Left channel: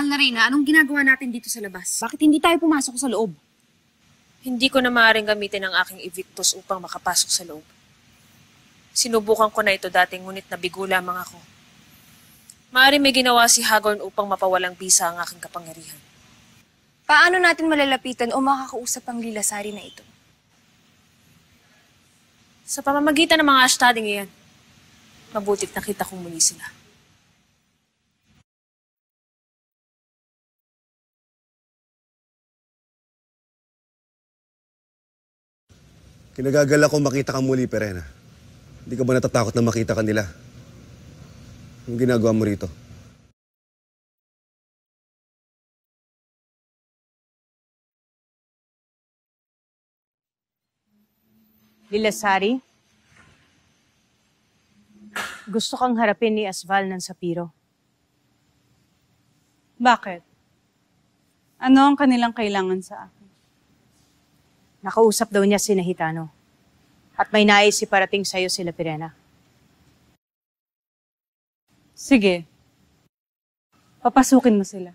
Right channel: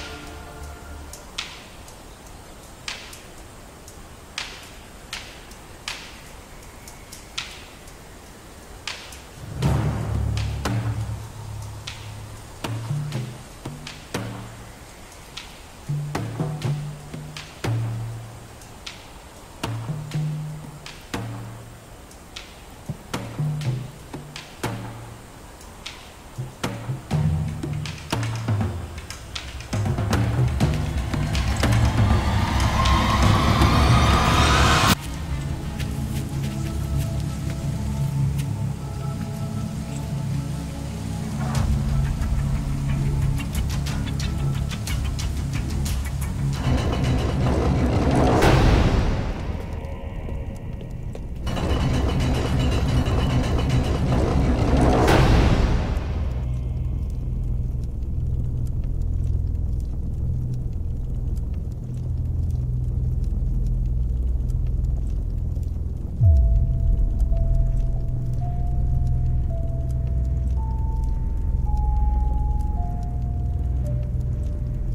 Mahal na Reyna, anong ginagawa natin dito sa labas? Bakit hindi tayo pumasok sa loob? Hindi ko na maaaring gamitin ang aking evictus upang makapasok sa loob. Sinubukan ko na ito dating ngunit nabigo lamang ako. Maaaring may ginawa si Hagorn upang mapawalang bisa ang aking kapangyarihan. Paano natin malalapitan o makakausap ang Lilasari na ito? Sa pamamagitan ng mga ashtading iyan, mabutit nakita kong muli sila. Kinagagal ako makita kang muli, Perena. Hindi ka ba natatakot na makita ka nila? Anong ginagawa mo rito? Lilasari? Gusto kang harapin ni Asval ng Sapiro. Bakit? Ano ang kanilang kailangan sa akin? Nakausap daw niya si Nahitano. At may nais iparating sa'yo sila Pirena. Sige. Papasukin mo sila.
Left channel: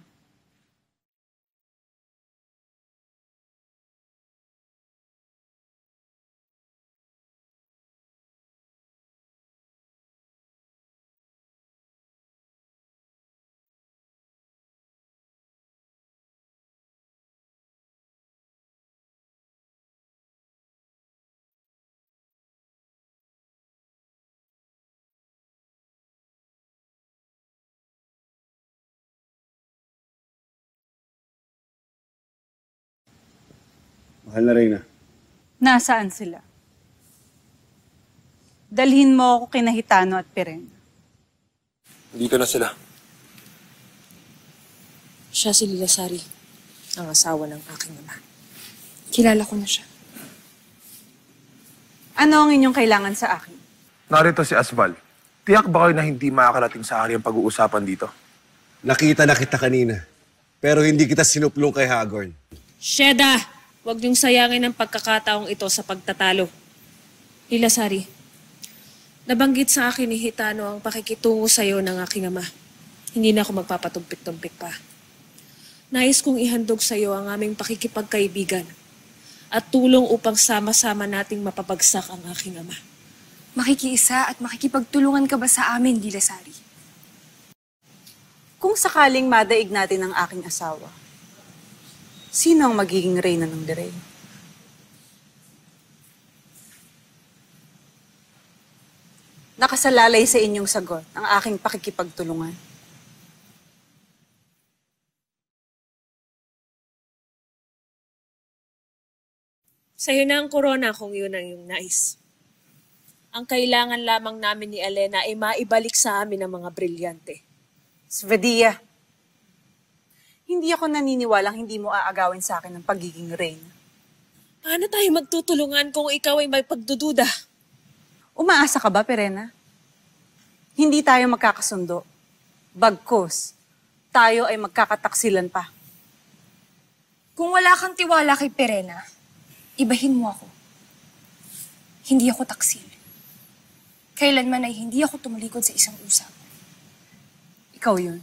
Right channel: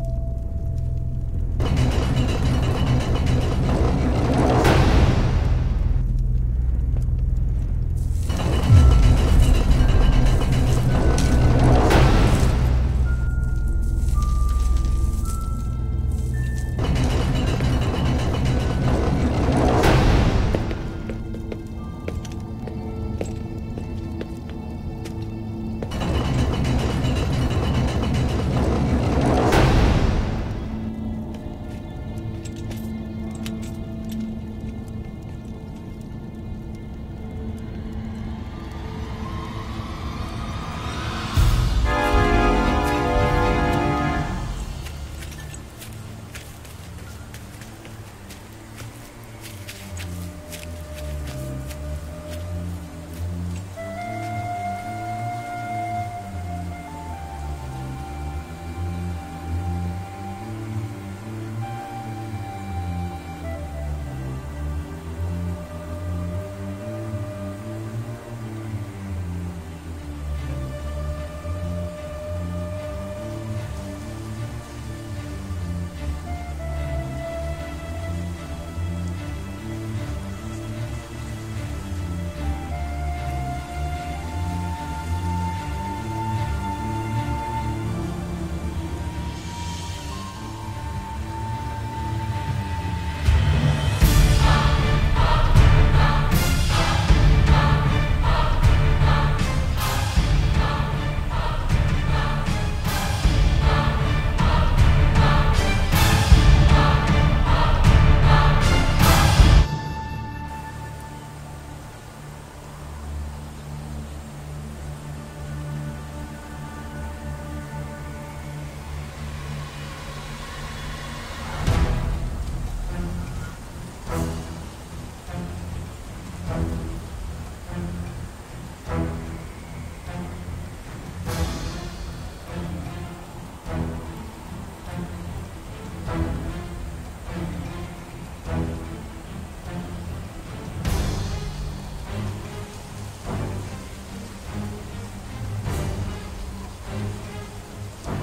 Mahal na Reyna. Nasaan sila? Dalhin mo ako kina Hitano at Pirena. Dito na sila. Siya si Lilasari, ang asawa ng aking ama. Kilala ko na siya. Ano ang inyong kailangan sa akin? Narito si Asval. Tiyak ba kayo na hindi makakarating sa akin ang pag-uusapan dito? Nakita na kita kanina. Pero hindi kita sinuplong kay Hagorn. Sheda! Huwag niyong sayangin ang pagkakataong ito sa pagtatalo. Lilasari, nabanggit sa akin ni Hitano ang pakikitungo sa iyo ng aking ama. Hindi na ako magpapatumpik-tumpik pa. Nais kong ihandog sa iyo ang aming pakikipagkaibigan at tulong upang sama-sama nating mapapagsak ang aking ama. Makikiisa at makikipagtulungan ka ba sa amin, Lilasari? Kung sakaling madaig natin ang aking asawa, sino ang magiging reyna ng Direk? Nakasalalay sa inyong sagot ang aking pakikipagtulungan. Sa'yo na ang korona kung yun ang iyong nais. Ang kailangan lamang namin ni Elena ay maibalik sa amin ang mga brilyante. Svadia, hindi ako naniniwalang hindi mo aagawin sa akin ang pagiging reyna. Paano tayo magtutulungan kung ikaw ay may pagdududa? Umaasa ka ba, Pirena? Hindi tayo magkakasundo. Bagkus, tayo ay magkakataksilan pa. Kung wala kang tiwala kay Pirena, ibahin mo ako. Hindi ako taksi. Kailanman ay hindi ako tumalikod sa isang pusa. Ikaw yun.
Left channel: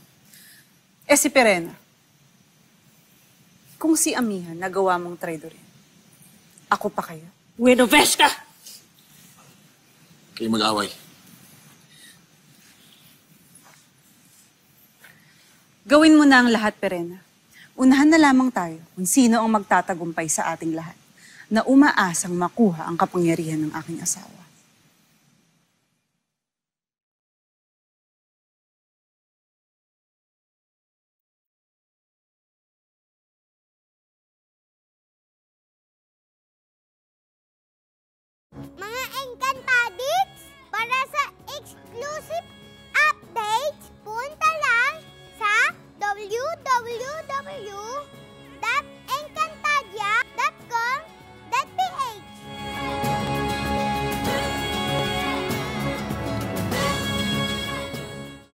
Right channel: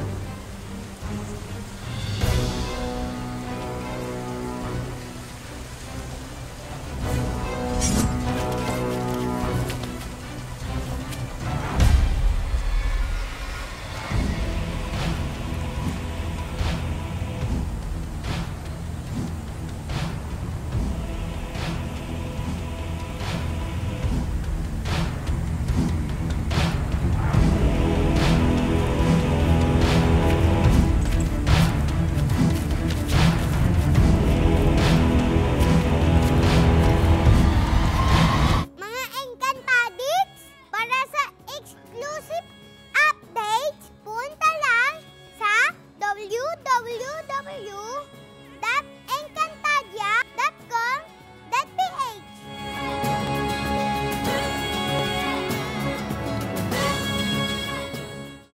Eh si Pirena, kung si Amina nagawa mong traidor, ako pa kayo. Wedoveshka! Kayo mag-away. Gawin mo na ang lahat, Pirena. Unahan na lamang tayo kung sino ang magtatagumpay sa ating lahat na umaasang makuha ang kapangyarihan ng aking asawa.